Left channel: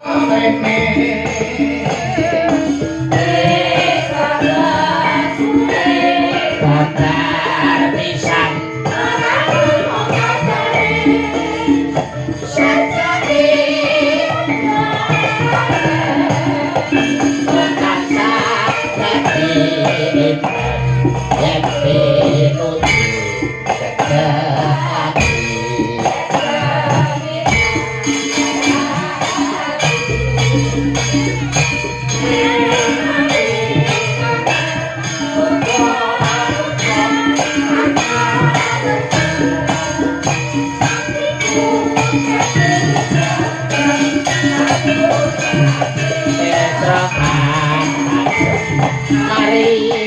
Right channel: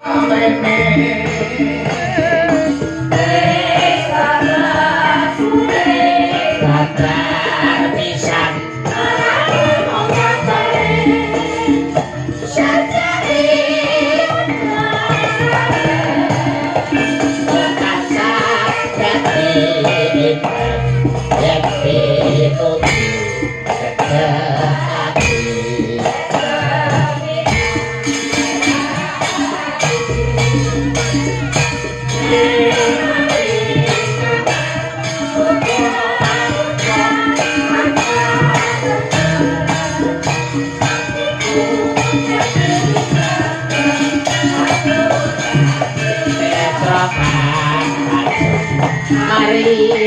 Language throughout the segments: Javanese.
Mari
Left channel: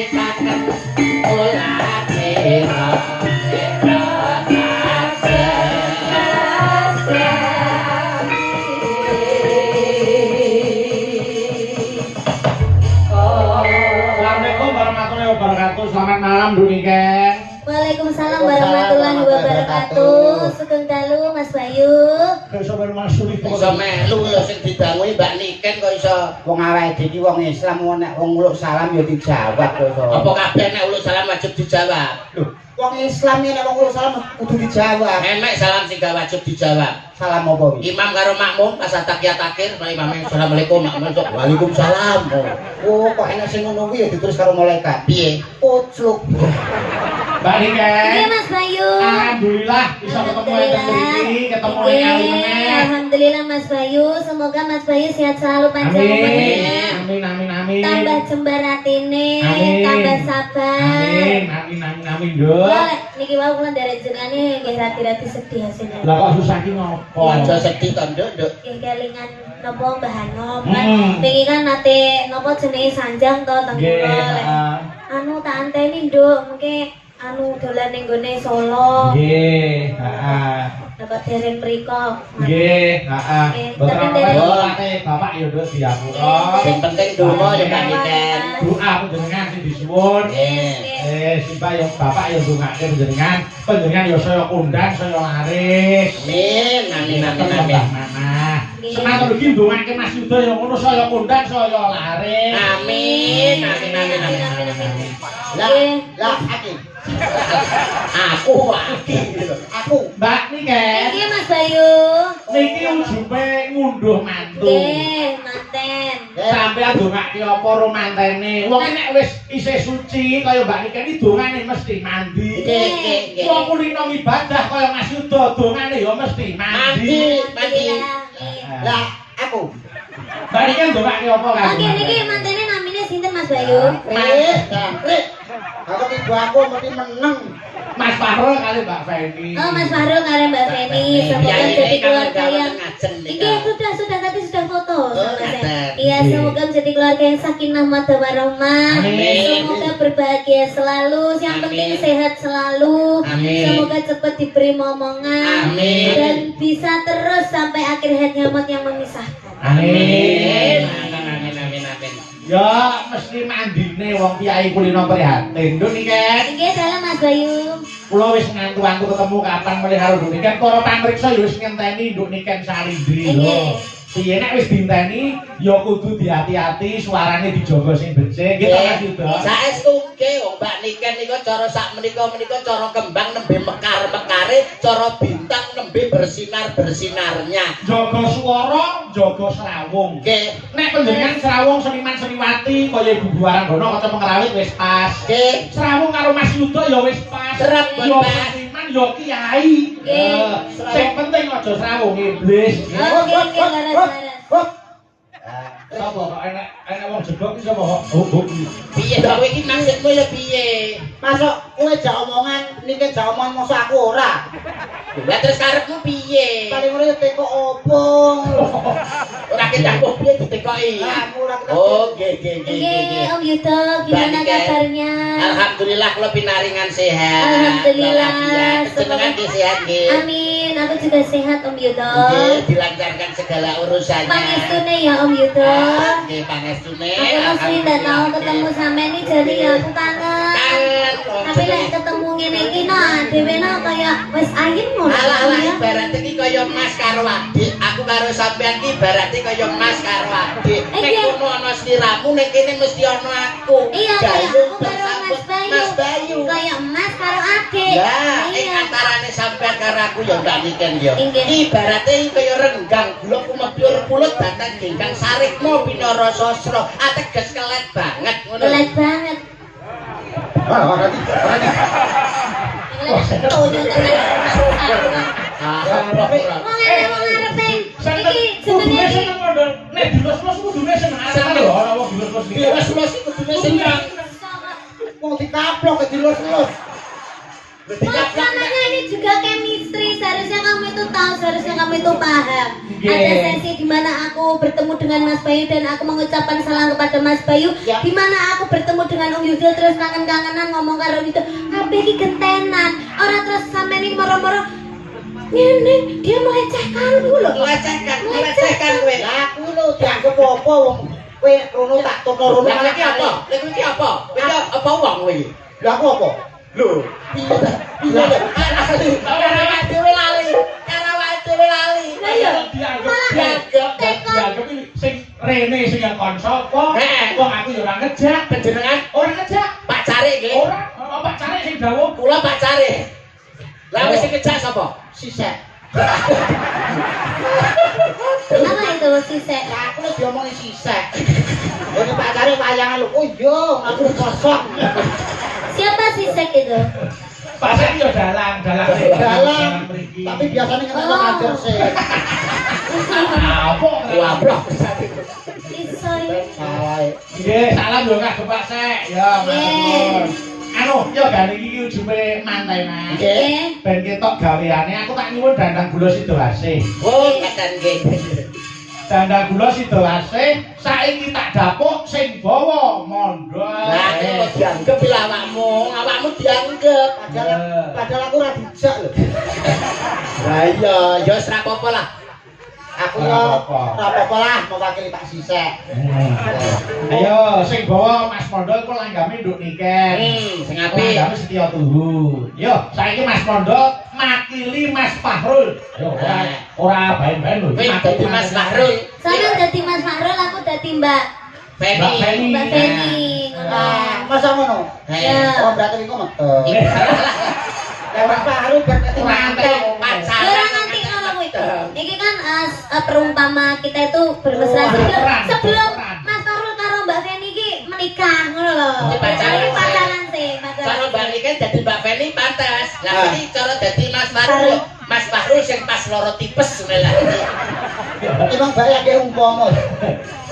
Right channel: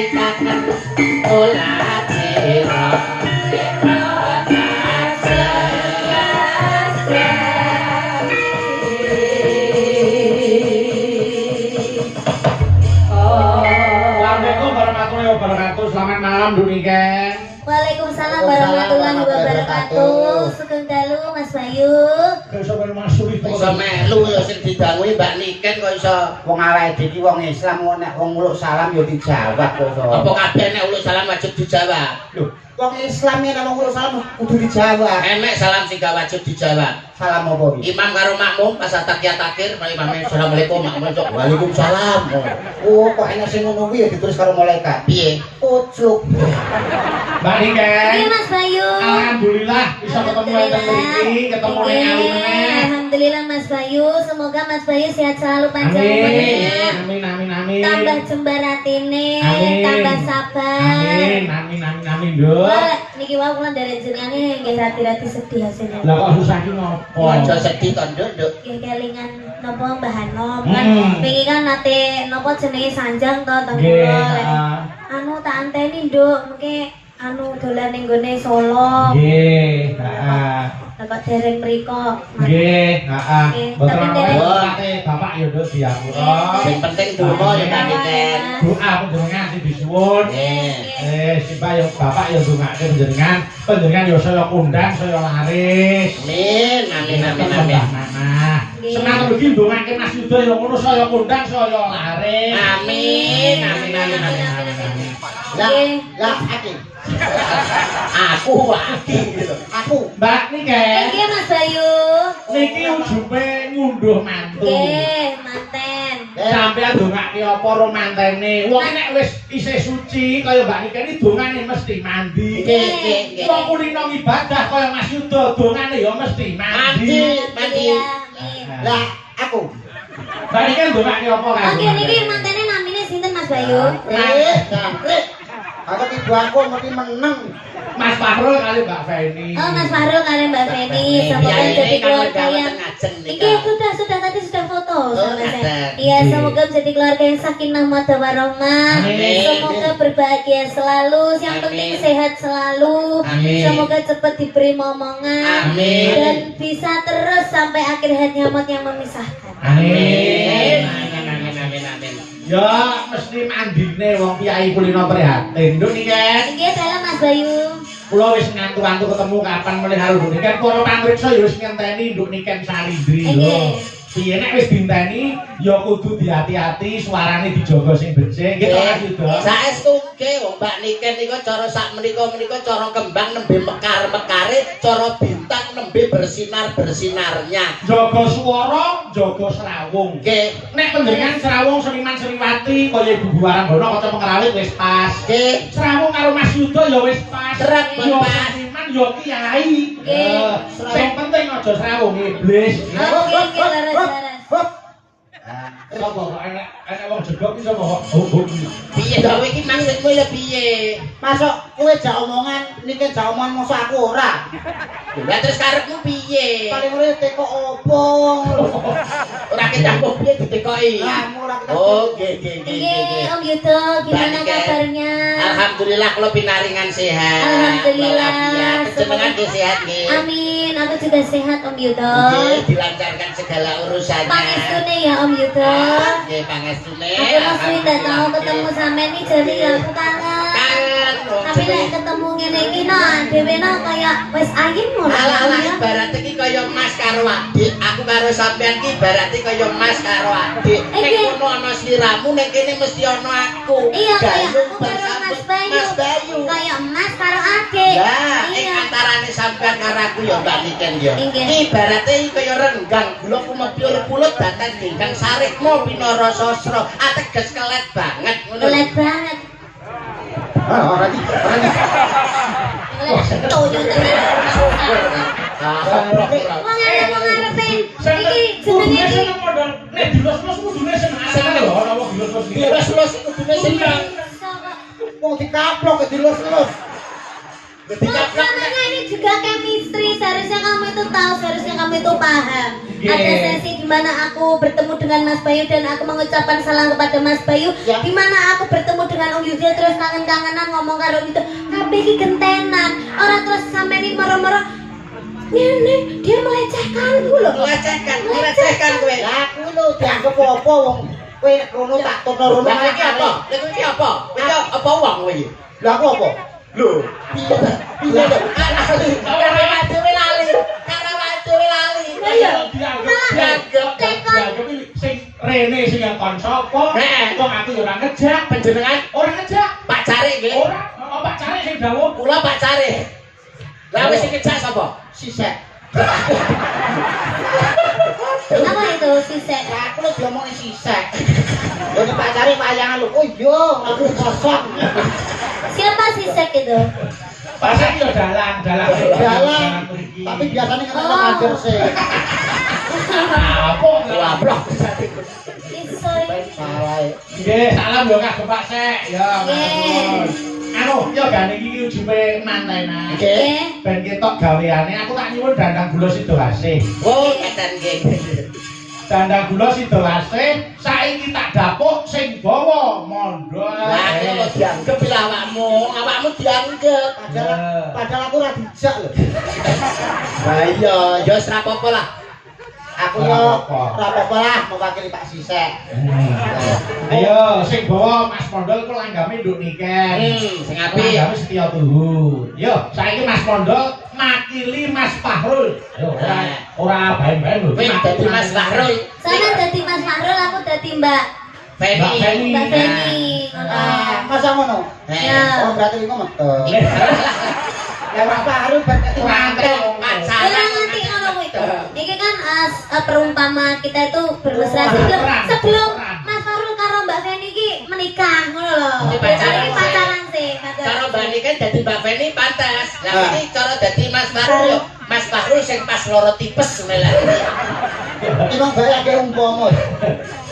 kakek ulah sira Assalamualaikum warahmatullahi wabarakatuh. Selamat malam Duniken. Waalaikumsalam warahmatullahi wabarakatuh. Sugeng dalu Mas Bayu. Iso melu ya sing didanguhi Mbak Niken kok iso. Wong awake iki wong Islam nek wong uluk salam ya dijawab kok iso. Apa kabeh nek uluk salam wajib dijawab? Lho, wong Islam nek wong uluk salam kudu dijawab. Enek salam sing gak wajib dijawab. Salam apa iki? Imam karo makmum pas takiyat akhir mari imam assalamualaikum makmum waalaikumsalam. Oh, kok enek sing ngono kuwi ya ditulis karo malaikat. Piye? Pucuk. Mbak Niken. Iya Mas Bayu. Alhamdulillah bisa ketemu lagi, ketemu meneh. Alhamdulillah Mas Bayu, semoga Mas Bayu sehat selalu panjang umurnya. Amin. Tambah jembar atine, Amin. tambah sabar. Amin, Nduk. Wah, niki wae kula nderek jenengane nggih rati-rati sedih hasilnya. Lah kok susah ki ngopo? Aja sedih to, Nduk. Nggih kelingan napa Mbah Hanom kan wingi kan nate napa jenenge sanjang to teng kula. Anu tak anteni Nduk, mengke anu dolan ning gone Solo. Nggih, heeh. Kok dereng mriko. Nggih, heeh. Tapi dereng Bapak ya Nduk diapura. Sing penting donga ya Mbak Niken. Doa panjenengan sing disuwun. Nggih. Sipah ya Bapak ya ndongake panjenengan. Panjenengan ya saya kondang, saya laris. Amin. Semangat lagi ndongake Mas Yuda ya ngono saya kondang, saya laris. Amin. Lah, aku. Mbak Niken. Nggih Mas Bayu. Niki ujupe ngunduh mantu. Nggih, manten. Sampeyan ndongake apa ro mantene? Wong nek wis isih suci kaya Mbak Niken iki dongane mesti mandi. Nggih. Wong kulino ibadah kaya Mas Yuda dongane ya mesti mandi. Lah, aku. Mbak Niken ndongake apa kan? Oke, niki mantene namine sinten Mas Bayu? Jangkrik. Aku ibu aku mesti meneng. Mas Fahrul kali Mbak Feni. Oh, Mas Fahrul kali Mbak Feni. Semoga jadi keluarga yang Iki sudah tadi sudah foto sama saya. Iya, semoga menjadi keluarga yang sakinah mawaddah warahmah. Semoga berbahagia selalu, yang penting sehat selalu. Semoga cepat diberi momongan dan bisa terus sampai akhir hayat nyamat yang memisahkan. Amin. Ya mesti mandine wong kiai kulino prihatin. Nduk Niken. Nggih, dalam Mas Bayu. Kula wis ngantu-antu ketemu kapan melih karo Nduk Niken. Para pamriksa ya wis ngenteni Nduk Niken Salindri lho. Piye nek wis dinteni ya kudu diati-ati, suarane dijaga sing becik. Nggih to Mas Yuda. Saestu nggih wong Mbak Niken niku cara sak menika cara kembang nembe mekar-mekare, cara bintang nembe bersinar-bersinarnya. Jaga swara, jaga srawung. Nggih. Nek panjenengan srawung Seniman Sriwati kaya Ibu Waranggono kaca pengerawit wis pas. Nggih. Srawung karo Mas Yuda ya wis pas. Trep, Yo Pak. seniman yo kiai. Sing penting aja srawung iblis. Oke, laras-laras. Sapa kok enak wong jedok iki sapa kok? Piye to kowe iki maksudmu ya piye? Masuk kowe jak omongan, niki jak omongan mosok aku ora. Lah terus karepmu piye? Paling urip teko opong. Ora kecampur piye ditekoki. Lah mula kita. Oh, nggih. Nggih, Om Yudo, gimana Mbak Niken. kabarnya? Alhamdulillah kula pinaringan sehat. Alhamdulillah. Jenengan nggih sehat nggih. Amin, aku juga sehat Om Yudo. Nggih, dilancarkan segala urusannya. Pangestune ya Om Yudo. Nggih, pangestune. Aku mesti ndak tahu ketemu sampe nih jadi ya aku kangen. Kangen. Tapi lek ketemu ngene iki nah dhewe nah kaya wis ayem ngono. Alah ibarat iki kaya mas karo adik. Aku karo sampean iki ibarat kaya mas karo adik. Nek kono ana sliramu nek kene mesti ana aku. Iya kaya aku karo Mas Bayu. Kaya emas karo adik. Ya, ing antarane sampean karo aku ya Mbak Niken ya. Ibarate iki kaya renggang gula kumepur pulut batang dingkang sarikmu pinara sasra. Ateges kelet banget ngono. Kelet banget. Ora iki. Kelet toyo Wong arepe iki jenenge iki. Nek dilus-lus kudune seneng lho ana wong dilus-lus iki. Dilus-lus iki kudune seneng. Wong dikaplok dilus-lus. Makanya ini juga chemistry, seharusnya kamu itu tahu, seharusnya kamu itu paham. Ada sesi di mana aku bertemu dengan Mas Bayu dan aku mengucapkan salam kepada Mas Bayu. Di mana aku bertemu dengan Om Yudhil terus kangen-kangenan ngomong karo itu. Tapi iki gentenan. Orang terus sampai ini moro-moro. Ini dia melecehkanku loh. Melecehkan kowe. Lah kuwi lho dianggep apa wong kowe rono tak tono rono Lah iki apa? Lha iki apa? Iki apa wong kowe iki? Lah aku apa? Lho, piye to? Karo dhewe lali. Iya. Dianggep sing rene sing kon sapa? Wong aku ya ora ngejak. Panjenengan Ora ngejak. Pak Cari nggih. Ora, Pak Cari sing dawuh. Kula Pak Cari. Lah wis sing ngejak sapa? Sisek. Apa itu sisek? Lah aku lho diomongin sisek. Lha Pak Cari wayangan lho. Oh iya, aku kosong. Siapa sisek itu? Pasar yo dalang. Tapi biasanya kan ngajar sih. Apa? Wabrok. Iso Salah. Nggih, salam yo kagem Pak Sek. Ya, matur. Anu, yo gane iki ujube mantenan. Nggih. Ben ketok gaweane aku tak nyuwun dandang gula Sidoasih. Oh, keten nggih. Dandang gula Sidoasih saiki tak dapuk sing bawa mondol. Lah kok dianggep lho awakmu dianggep. Padahal aku ora dijak lho. Lah iya, ya wis ra apa-apa lah. Aku yo ora apa-apa lah mewakili Pak Sisek. Ayo sing bawa Mas Mondol ku langgame nduk niken. Sing apik. Langgame Setya Tuhu. Yo, saiki Mas Mondol makili Mas Fahrul. Yo, ora bae-bae lho. Kowe dadi Mas Fahrul. Sama dadi Mas Fahrul, aku dadi Mbak Feni. Mbak Feni. Masa ngono? Ya. Oh berarti engko metu. Ya Mas Fahrul berarti mantel. Ora nganti ngono kuwi. Iki kan perumpama kita itu bermesra sebelum Mas Fahrul karo Mbak Feni iki menikah ngono lho. Pacaran sih. Cara Mbak Niken dadi Mbak Feni pantes. Lah iki cara dadi Mas Fahrul. Mas Fahrul sing pas loro tipes ngene lah. Iki bayake umpama.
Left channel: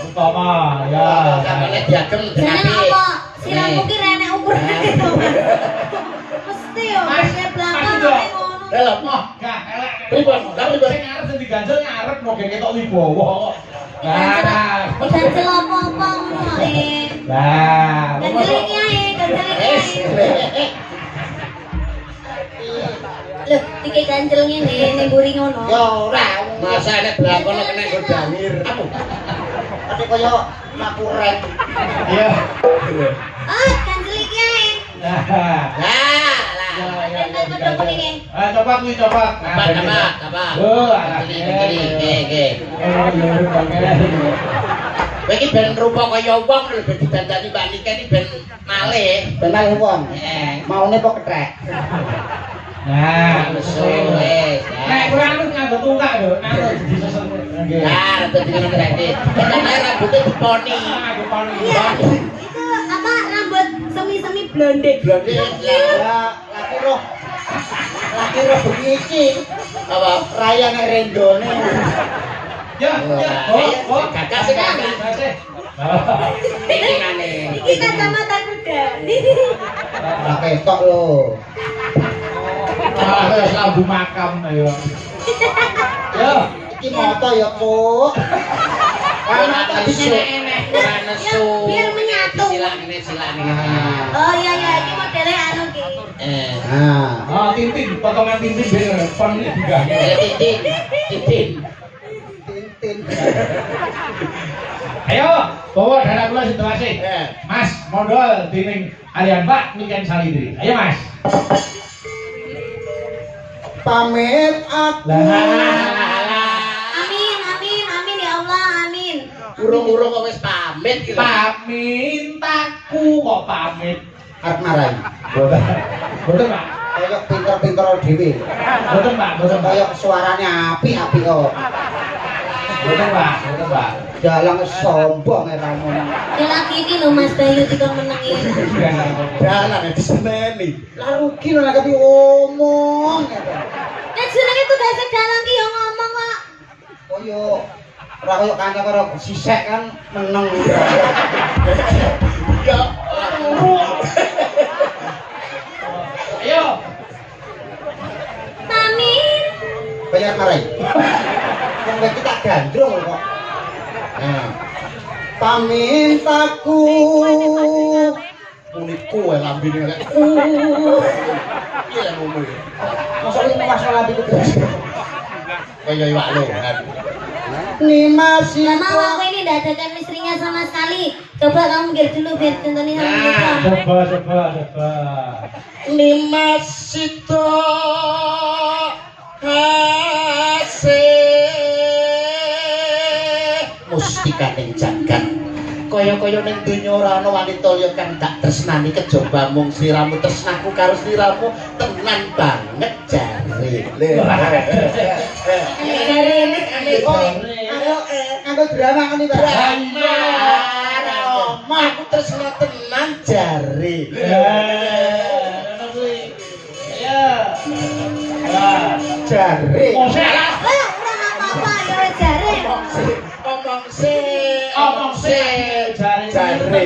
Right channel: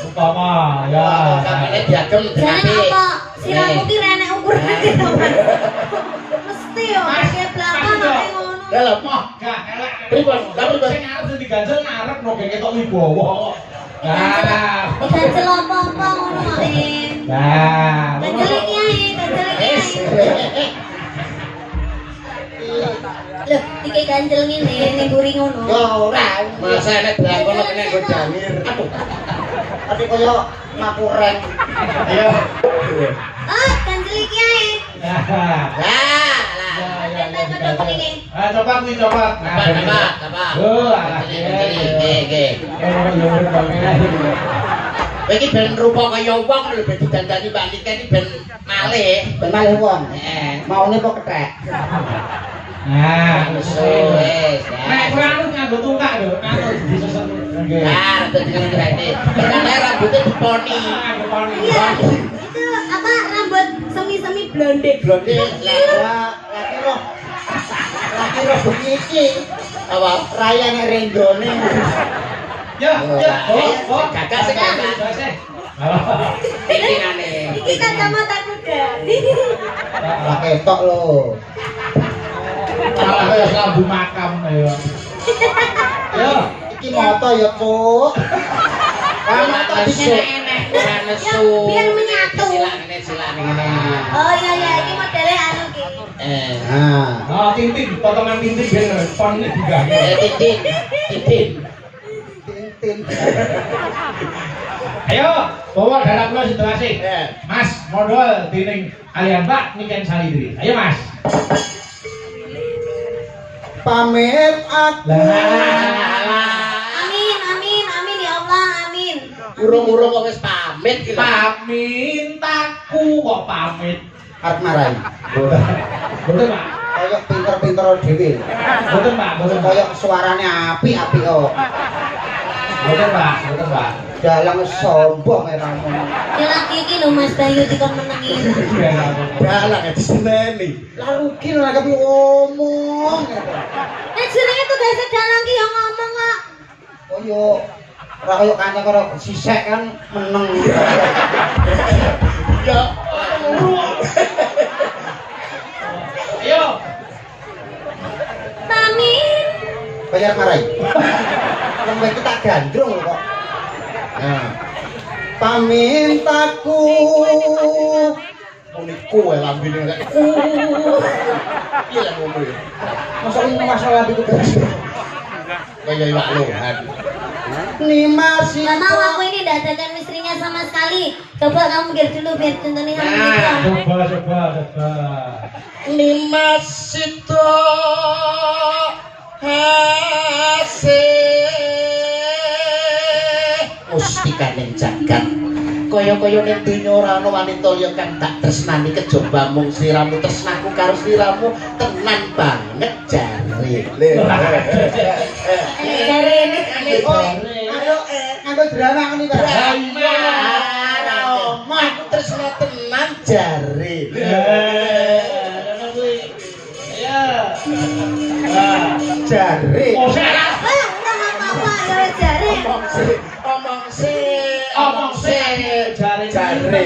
Umpama ya. Sampeyan diagem Jane apik. apa? Siramu ki renek ukurane gitu. Mesti yo kene belakang ngono. Dalam Wah, gak elek. Pripun? Sing arep dadi ganjel ngarep kok gek ketok wibawa. Nah, Ganjel apa-apa ngono ae. nah. Ganjel iki ae, ganjel iki ae. Loh, iki ganjel ngene ning mburi ngono. Ya ora. masa nek blakon kene nggo dawir. Aduh. Tapi koyo makuren. Iya. Oh, ganjel iki ae. Nah. Lah. Coba kuwi coba. Apa? Oh, Nggih. Kowe iki ben rupa kaya wong lho ben didandani Mbak Niken iki ben malih. Ben malih wong. Maune kok kethek. Nah, wis. Nek kowe anu nganggo tungkak lho, anu disesen. Nggih. Nah, rambut iki ngene iki. Pertama rambutnya diponi. Iya. Itu apa rambut semi-semi blonde. Blonde Lah laki roh iki. apa? Rayane rendone. Ya, Gagak sing gagak. Iki ngene. Iki kacamata kuda. Ora ketok lho. Malah kaya lambu makam ya. Ya, Iki moto ya, Puk. Ana enek. Ora nesu. Biar menyatu. Silak ngene. Oh iya iya, iki modele anu ki. Nah, tintin, potongan tintin biar pon ini juga. Titin. tintin. Ayo, bawa darah kula Sidoasih. Mas, mondol dening kalian Mbak Niken Salidri. Ayo Mas. pamit aku. Amin ya Allah, amin. Urung-urung kok wis pamit iki lho. Pamintaku kok pamit. Arep marahi. Boten, Pak. Kaya pinter-pinter dhewe. Boten, Pak. Boten, Pak. Kaya suarane apik-apik kok. Boten, Pak. Boten, Pak. Dalang sombong ramu. Ya lagi iki lho Mas Bayu dikon menengi. Dalang diseneni. Lah rugi lho nek omong. Nek jenenge tugase dalang ki yo ngomong kok. Koyo ora koyo kanca karo sisek kan meneng. Ya. Ayo. Pamit. Bayar marai. Wong kita gandrung lho kok. Nah. Pamintaku Uniku wae lambene nek. Piye lah ngono ya? masalah itu terus. Kaya iwak lohan. Ni masih Gak mau aku ini tidak adakan istrinya sama sekali. Coba kamu mikir dulu biar contohnya sama gitu. Coba. Nimas sito hase mustikaning jagat kaya-kaya ning donya ora ana wanita liya kang tak tresnani kejaba mung sliramu tresnaku karo sliramu tenan banget jare. Ayo drama ngene ta. Aku tresna tenan jare. Jare. Omong sih. Jare.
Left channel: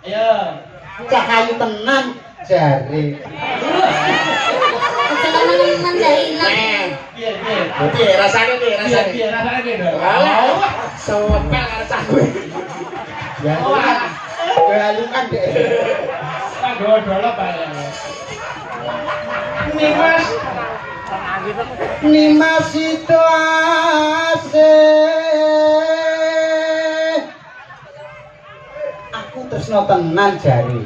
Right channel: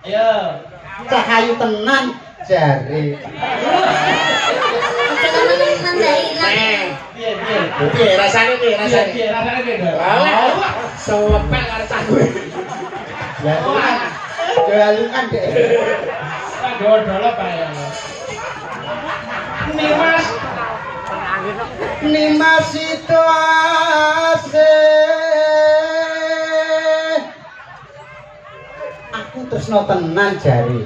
Ayo. Cahayu tenan jare. Teman-teman dah hilang. Piye rasane piye rasane? Rasane piye, Dok? Alah, sopek karo cah kowe. Ya galungan dek. Dodol apa ya? Nimas itu ase. Aku tresno tenan jare.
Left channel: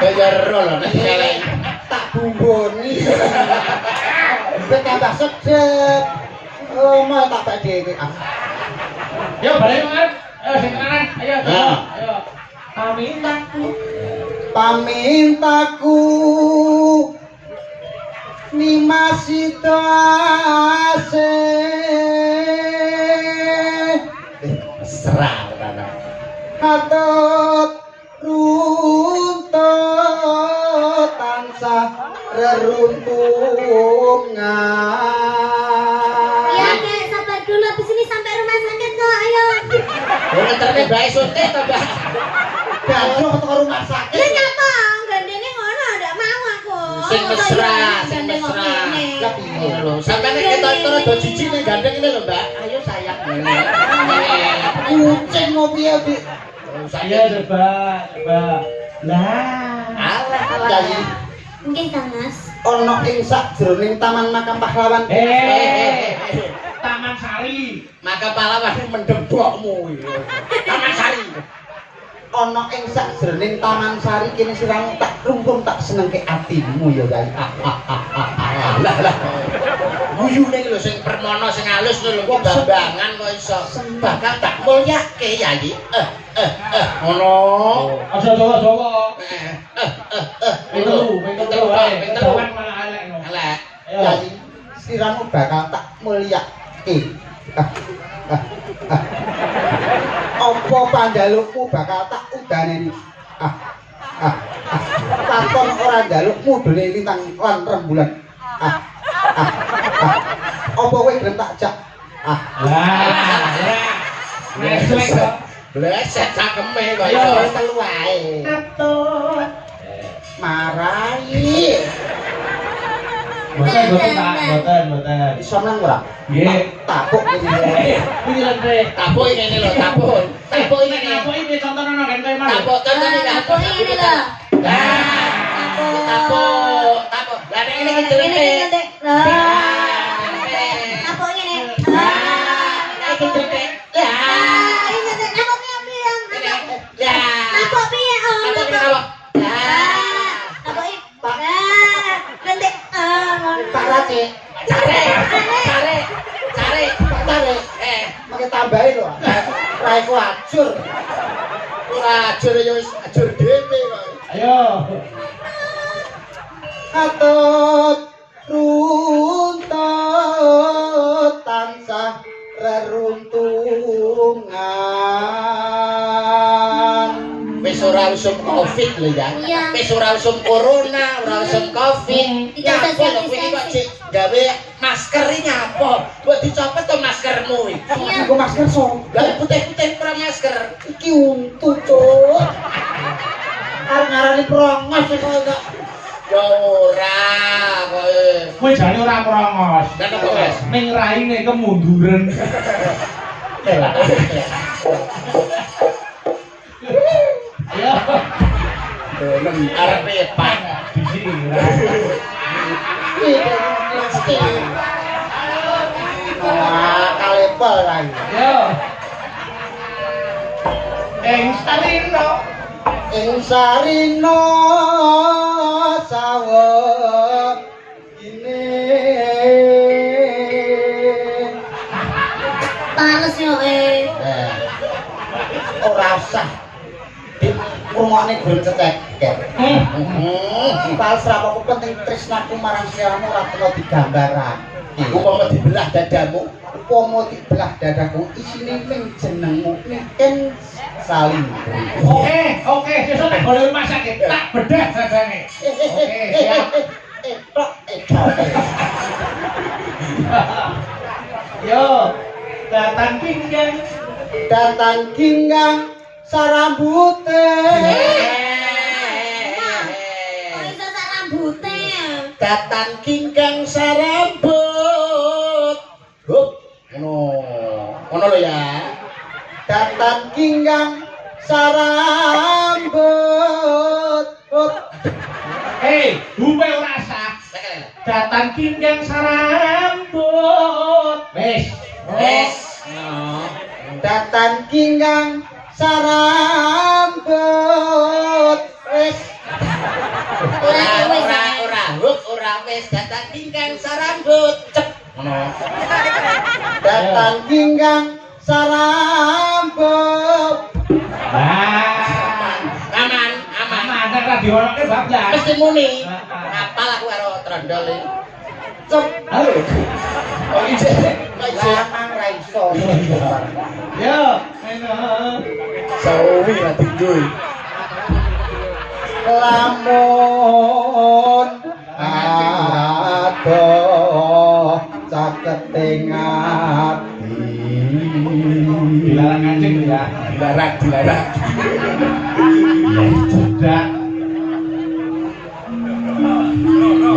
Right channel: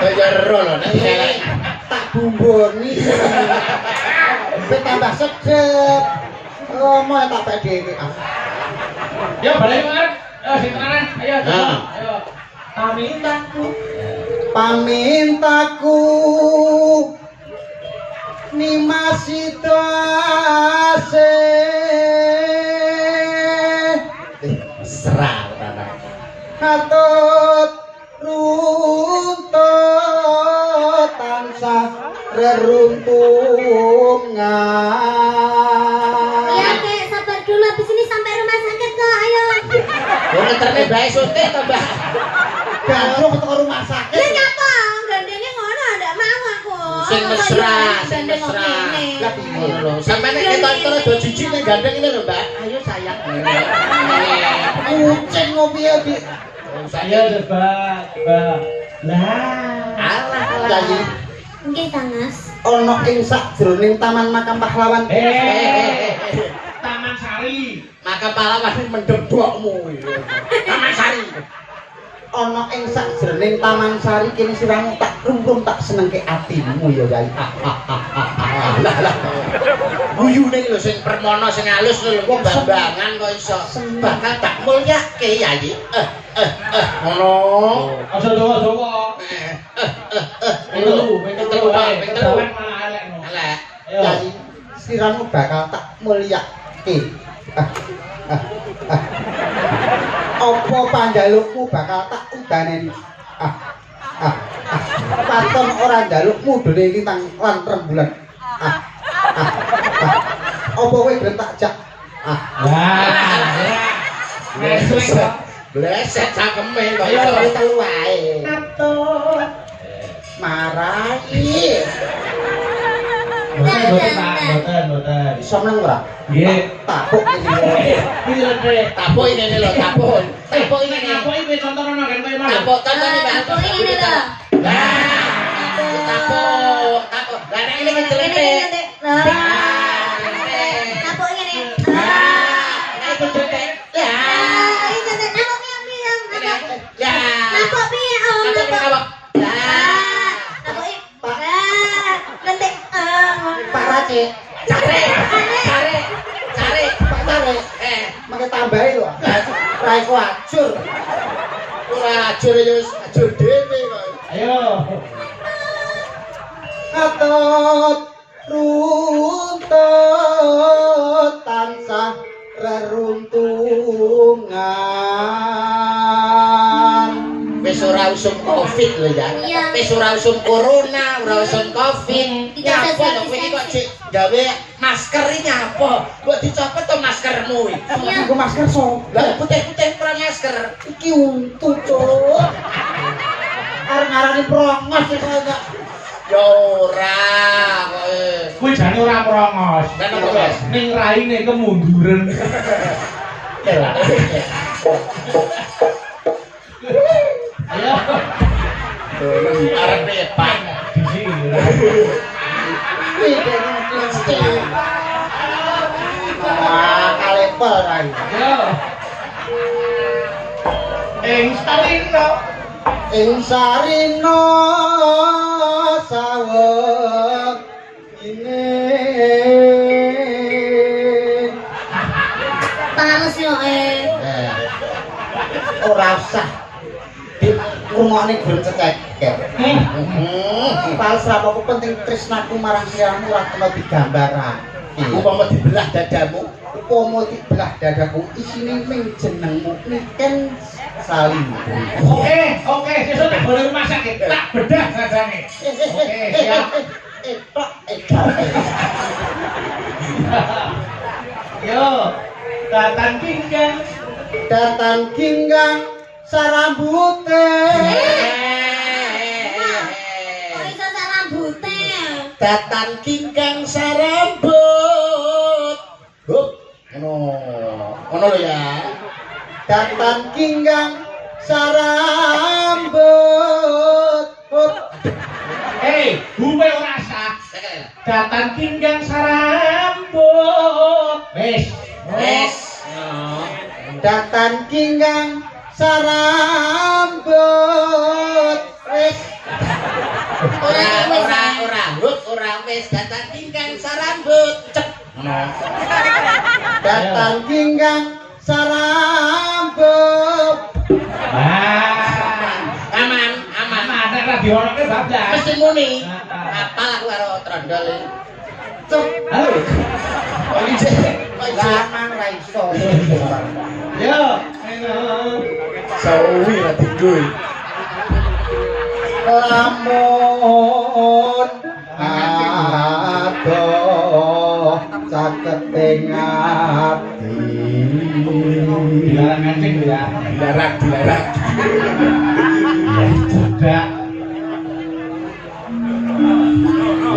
Kaya ro lho nek elek. Tak bumboni. Ben tambah sedep. Oh, mau tak tak dhewe. Ya balik Mas. Ayo sing kanan. Ayo. Ayo. Pamintaku Nimas itu ase. Serah ana. Katut runtut tansah reruntungan. Ya Kek, sabar dulu habis ini sampai rumah sakit kok. Ayo. Ora terne bae suntik to, Mbak. Gandrung ke rumah Ya sakit. nyapa, gandengnya ngono ndak mau aku. Sing mesra, sing Gandeng mesra. ngene. Lah piye? Lho, sampeyan nek ketok do jiji ning gandeng ini lho, Mbak. Ayo sayang. Kucing ngopi ya, Dik. Ayo coba. Lah. Alah, Yayi, Nggih, Tangas. ono ing sakjroning Taman Makam Pahlawan. Taman Sari. maka pahlawan iki mendebokmu iki. Taman Sari. Ono ing sakjroning Taman Sari kene siramu tak rumpun tak senengke atimu ya, Yayi. Lah. Guyune iki lho sing permono sing halus lho kok bambangan kok iso. Bakal tak mulyake Yayi. Ngono. Aja dawa-dawa. Ping telu wae. Elek. Yayi, siramu bakal tak mulyake. Apa panjalukmu bakal tak udaneni? Paton ora njalukmu dene lintang lan rembulan. Apa kowe gelem tak jak? Bleset cakeme kok Ayo iso. telu wae. Marahi. Boten. Iso meneng ora? Nggih. Tapuk iki. Iki lho, Dre. Tapuk ini lho, tapuk. Tapuk ini. Tapuk iki contohno kan kowe mau. Tapuk contohnya Mbak. Tapuk ini lho. Tapuk. Lah nek ini kecelite. Tapuk ini. Kecelite. Ini tapuknya piye? Cik. Cari. Tarik. Mangke tambahi lho. Rai ku ajur. Ora ajur ya wis ajur dhewe kok. Ayo. Atut runtut tansah reruntungan. Wis ora usum Covid lho ya. Wis ora usum corona, ora usum Covid. Nyapa lho kowe iki kok Cik gawe masker iki nyapa? Kok dicopot to maskermu iki? Aku masker so. Lah putih-putih pro masker. Iki untu, Cuk. Arep-arep prongos iki kok. Ya ora kok. Kuwi jane ora merongos. Kan apa, Mas? Ning raine kemunduran. Lah. Ayo. Arep Pak. Di sini. Kalepel kan. Yo. Sarino. Ing sarina sawet ini. Panas yo Ora usah. Ngomongane gur cecek. Pas rapopo penting tresnaku marang siramu ora kena digambarake. Upama dibelah dadamu, Upama dibelah dadaku isine ming jenengmu ken saling. Oke, sesuk nek boleh masak tak bedah sajane. Oke, siap. Yo, datang kinggang sarambute. iso sak rambute. datang kingkang sarambut. Hup, ngono lho ya. Datang kinggang sarambut. bume rasa. Datang kinggang sarambut. Wes. Datang kinggang sarambut. Wes. Ora wis datang kingkang sarambut. Cep. Ngono. Datang kinggang sarambut. Aman. Ada radio orangnya bablas. Mesti muni. Apal aku karo trondol iki. Cep. Halo. Lanang ra iso. Yo, halo. Sawi ati kuwi. Lamun adoh caketing ati. Dilarang ngancing ya. Dilarang. Cedak.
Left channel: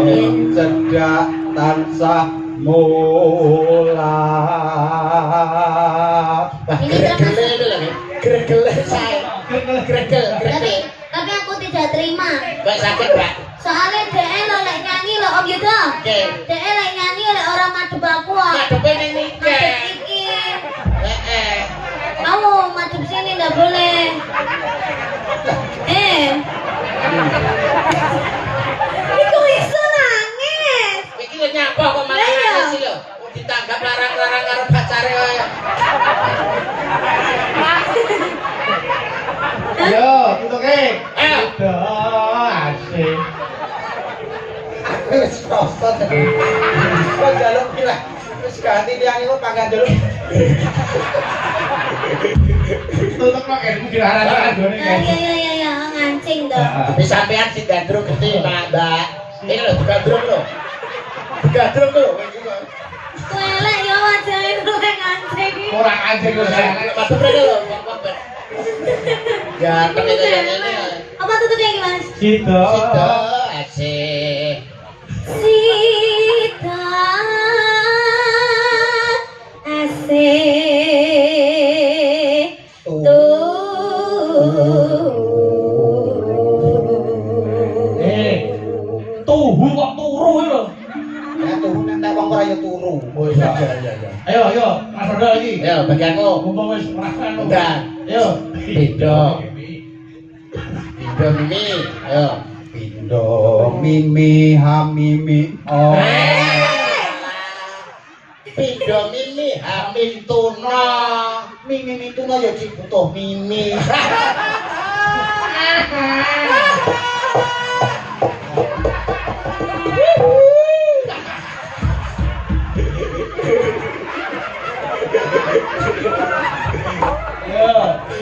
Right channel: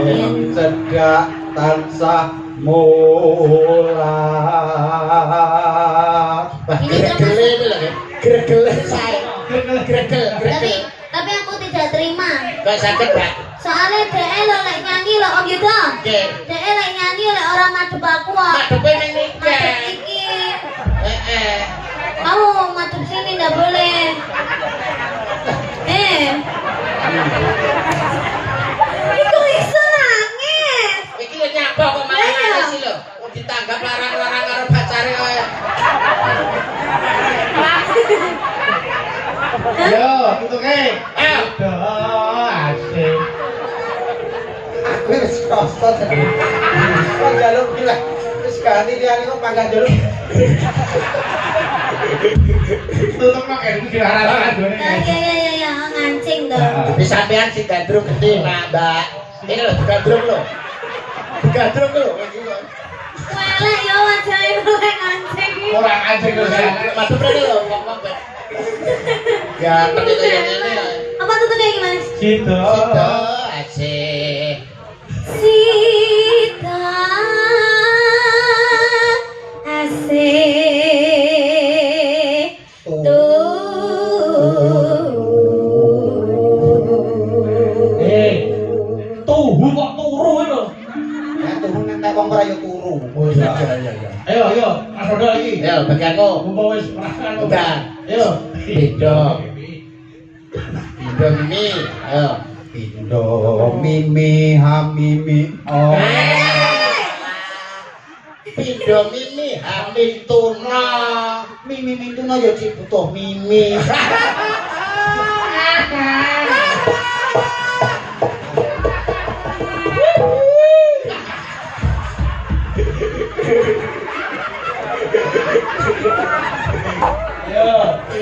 Yen cedak tansah mulat. Gregel saya. Tapi aku tidak terima. Gak sakit, Pak. Soalnya DE lo lek nyanyi lo Om Yudo. DE lek nyanyi lek orang madhep aku kok. Madhepe ning niki. Madhep iki. Kamu madhep sini nggak boleh. Iku iso nangis. Iki lho nyapa kok malah nangis sih lho. Kok ditanggap larang-larang karo pacare kaya. Yo, tutuke. Ayo. Asik. Aku wis prostot. Kok jaluk iki lah. Wis ganti liyane kok pangkat jaluk. Tutup nang ilmu dilarang jone. Ya, ngancing dong. Tapi sampean sing gandrung gede, Mbak. Ini lho gandrung lho. Gandrung lho. Welek yo wajahe luwih ngancing. Kurang anjing yo saya. Madhep rene lho, kok. Ganteng itu yang ini. Apa tutupnya gimana? Sido. Asik. Sita asik Tuhu kok turu lho. Ya turu nek wong ora yo turu. Iya. Ayo, Mas Rodo iki. Ayo bagianmu. Mumpung wis perasaan. Udah. Ayo. Pindo mimi. Ayo. Pindo mimi hamimi oh. Pindho mimi hamil tuna. Mimi tuna ya cik butuh mimi.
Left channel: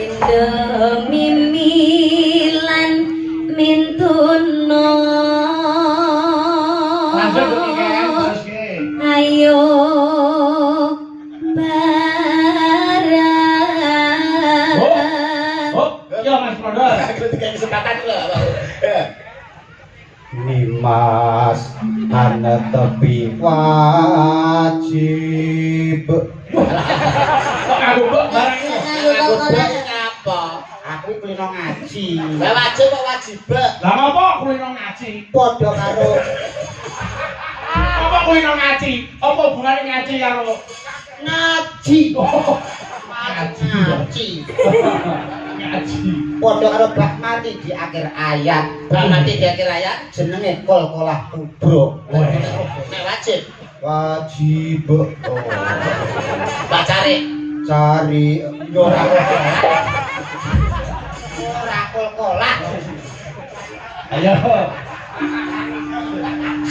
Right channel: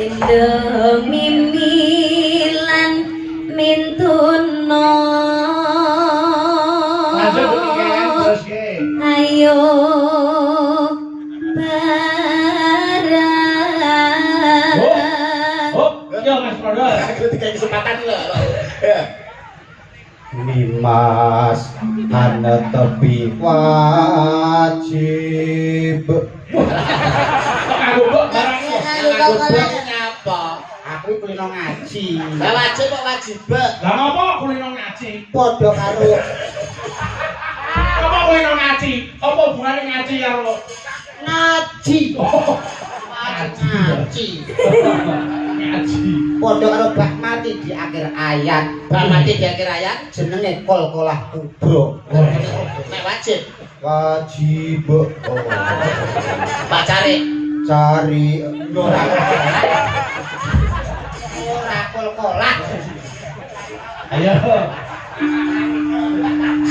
Indo mimilan mintuno ayo barang Yo Mas Prodol. Ketika kesempatan lah. Nimas ana tepi wajib. Aku kok barangnya. Ngapa? Aku kulino ngaji. Lah wajib kok wajib. Lah ngopo kulino ngaji? Padha karo Apa kulino ngaji? Apa hubungane ngaji karo ngaji. Ngaji. ngaji? Padha karo bak mati di akhir ayat. Bak mati di akhir ayat Jenenge kol-kolah kubro. nek wajib. Wajib. Pak cari. Cari ora kol-kolah. Ayo.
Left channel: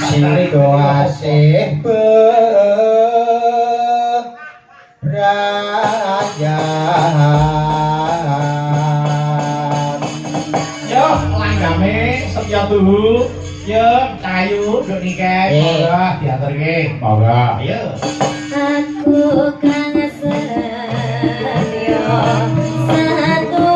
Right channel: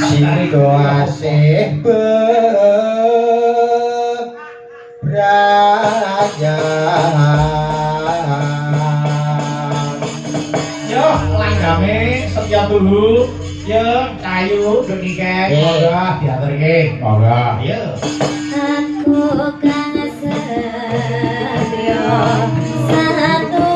Sido asih bebrayan. Yo langgame setia tuhu. Yo kayu nduk nike. Monggo diaturke. Monggo. Yo. aku kang setya satu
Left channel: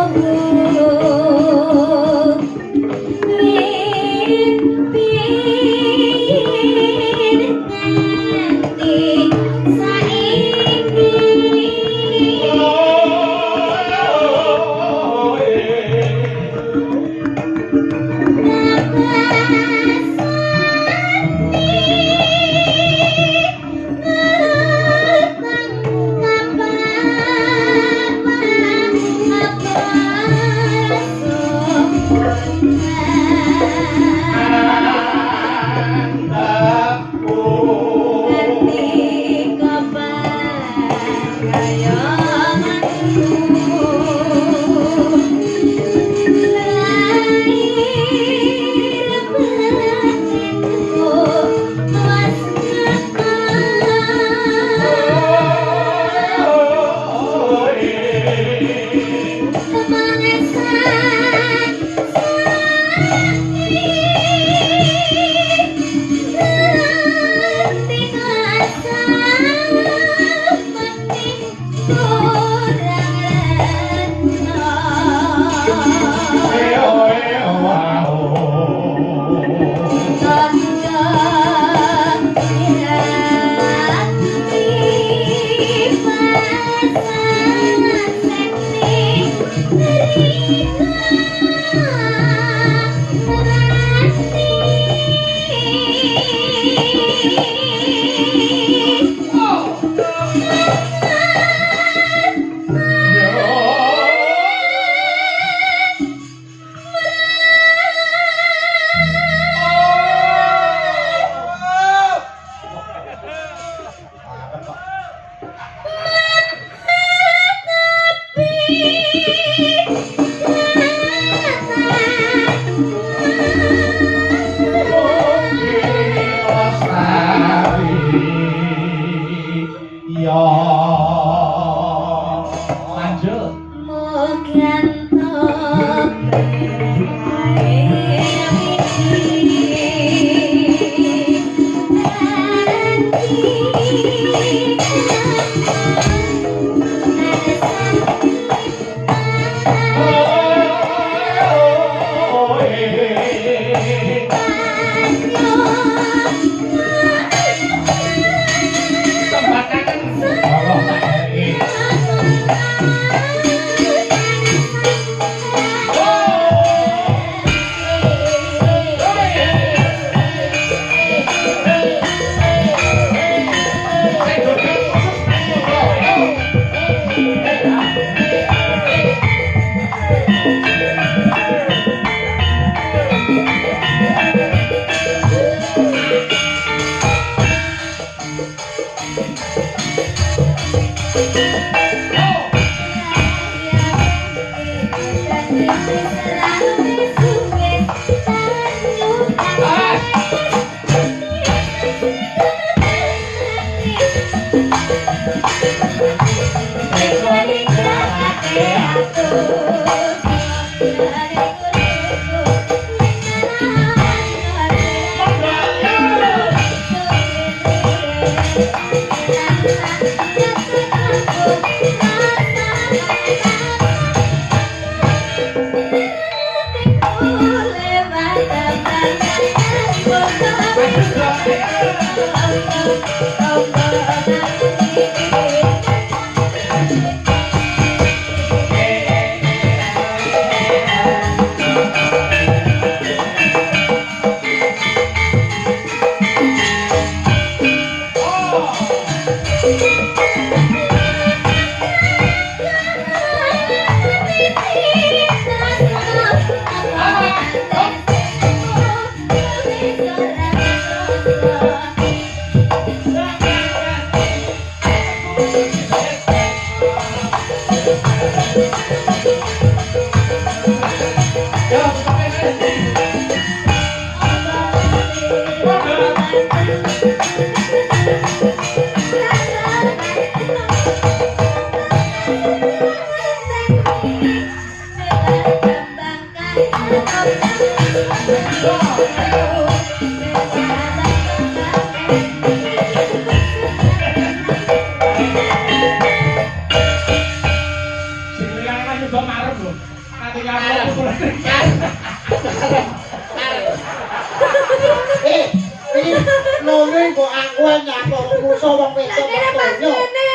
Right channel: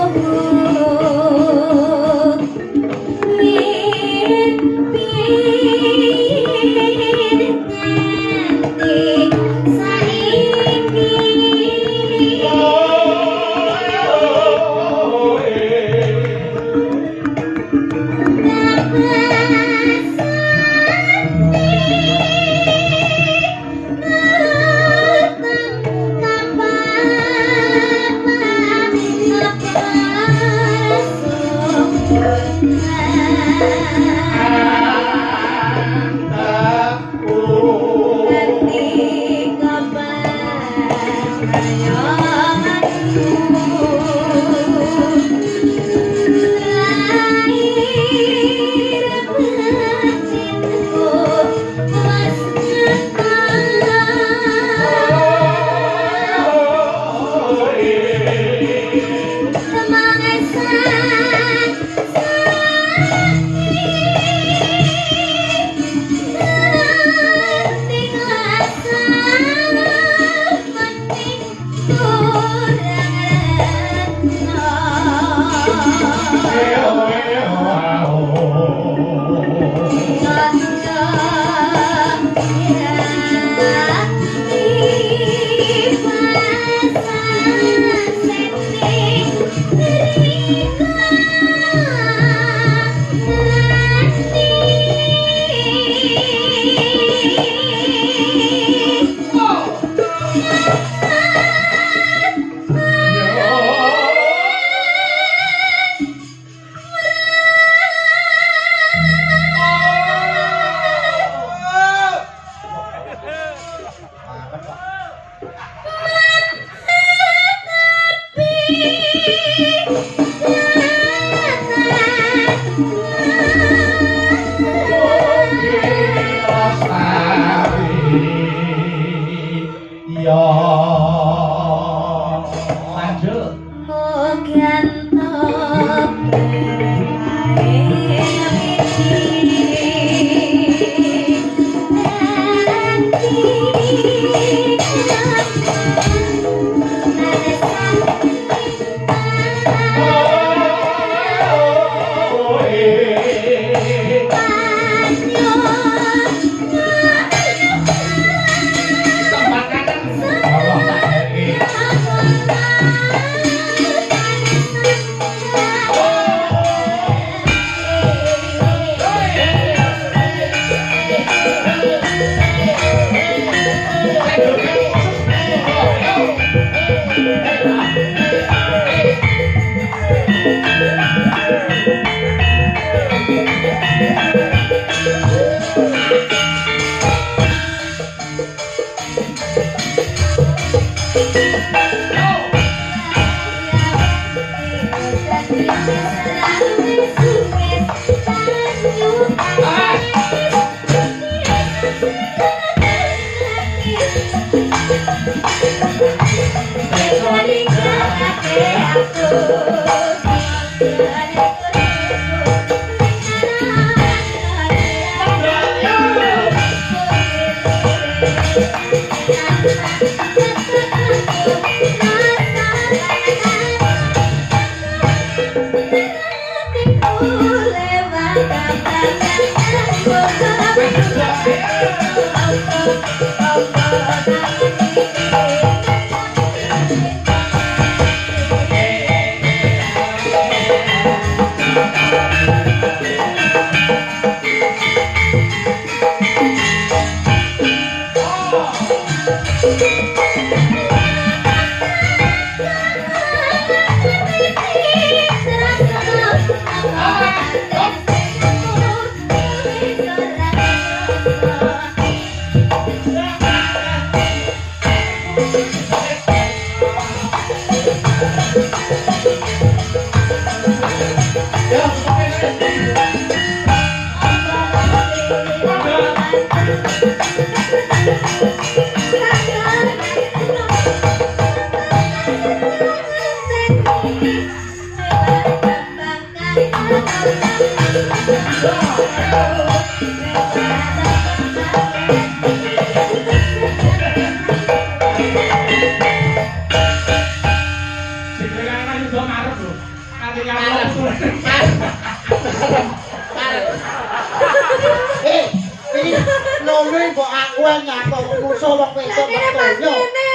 Nongeng kok aku nyapa musuh wong wedok kok donya.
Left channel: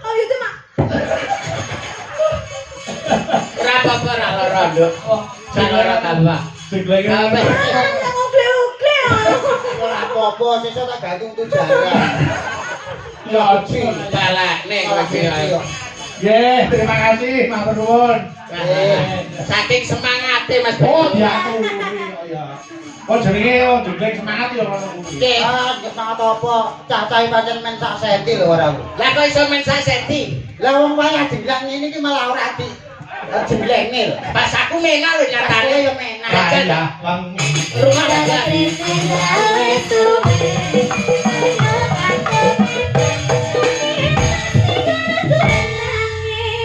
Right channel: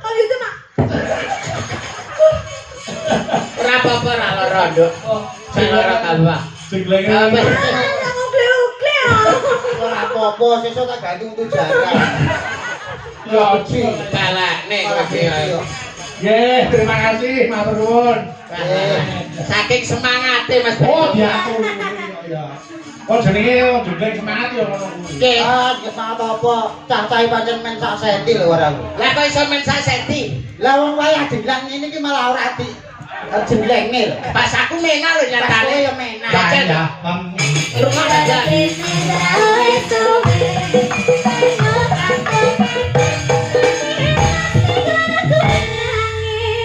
Oh itu mak. Ora apa-apa ora lara nduk. Sing lara tambah. Jenglenge. Ora apa-apa sesuk tak gantung tujara. Ya oji. Balekne iki ae. Nggih, terima kasih matur nuwun. Saking semangate Mas Oh, Bedi. diaturi ya. Oh jenenge oh jeneng semangat ya ngono kuwi. Nggih. Ah, semangat apa? Cah-cah pancen men sak senti lho ora. Lah kok iso men sak senti? Lah wong wayah jenglang ngene iki malah ora di jenglenge lho. Pas aku mengal lho nyatane. Ya menak. Ya ya, Bang. Rumah aja.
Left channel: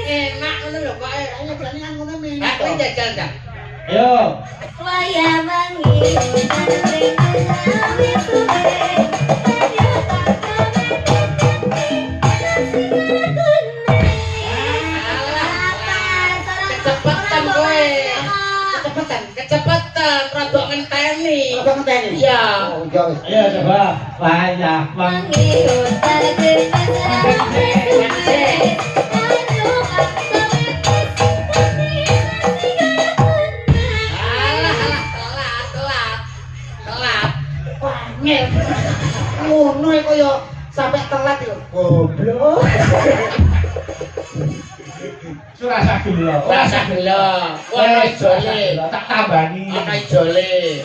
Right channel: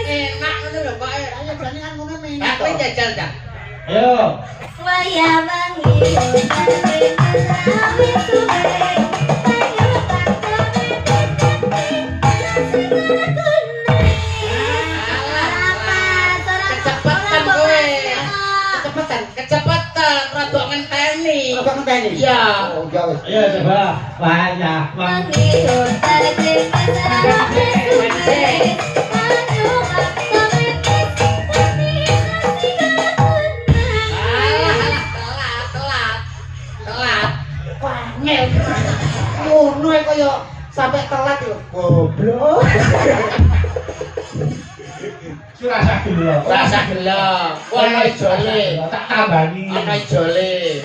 Enak ngono lho Pak. Ayo berani kan ngomong menak. Lah kowe jajal dah. Ayo. Waya mengilu awi suwe Kecepatan kowe. Kecepatan rada ngenteni. Apa ngenteni? Iya. Oh, ya wis. Ayo coba. Wayah Bang. mengilu Telat. Wangel. Ngono ae kaya sampe telat yo. Goblok. Surasa gelo. Rasa gelo. Ono ijole. Tak tambani. Ono ijole.